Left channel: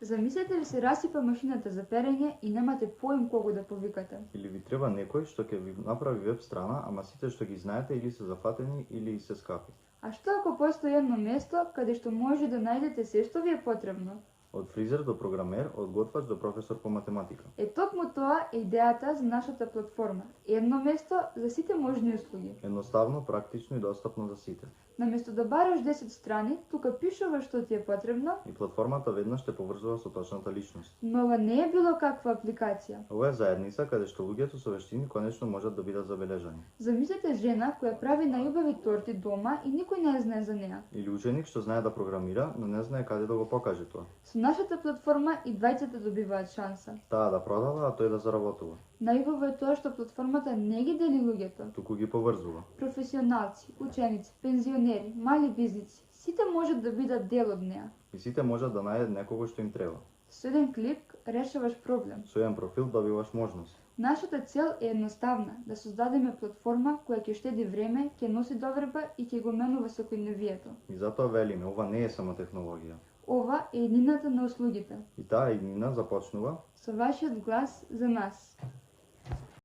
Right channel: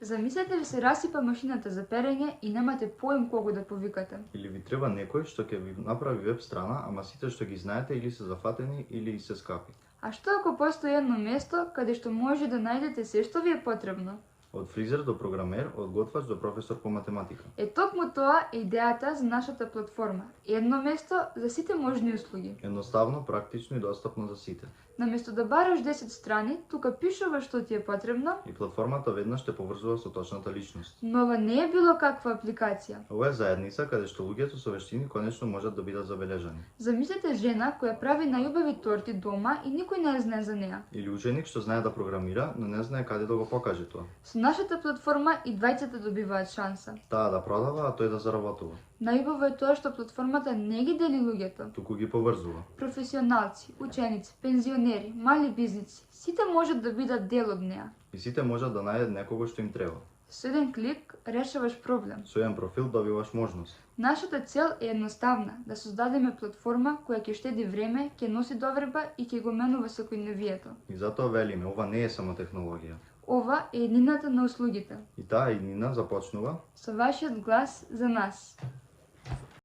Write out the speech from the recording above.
Замислете ли се расипа машината за перење и немате поим кого да повикате? Или ви треба некој што ќе ви направи веб страна, ама сите што ги знаете или се зафатени или се скапи. А што ако постои едно место каде што може да најдете се што ви е потребно? Од фризер до програмер, од готвач до професор по математика. Токму тоа е идејата за нашата платформа. Едно место за сите можни услуги. Едноставно, практично и достапно за сите. Наместо да бараш 10 страни, тука пишуваш што ти е потребно. И платформата веднаш те поврзува со точната личност. Но ова не е било каква апликација. Ова е заедница каде што луѓето со вештини конечно можат да бидат забележани. Замислете жена која прави најубави торти дома и никој не знае за неа. Или ученик што знае да програмира, но не знае каде да го покаже тоа. Со нашата платформа и двајцата добиваат шанса. Таа да продава, а тој да заработува. Најубаво е тоа што платформата не ги дели луѓето. Туку ги поврзува. Професионалци, ученици, пензионери, мали бизниси, сите можат да бидат дел од неа. И сите можат да најдат некого што им треба. Со еден клик решаваш проблем. Со еден профил добиваш можност. Нашата цел е едноставна, да создадеме платформа која ќе штеди време, ќе носи доверба и ќе го менува секојдневието. И затоа велиме, ова не е само технологија. Ова е еднината на услугите. И таа еднина започнува Со вашиот глас за нас.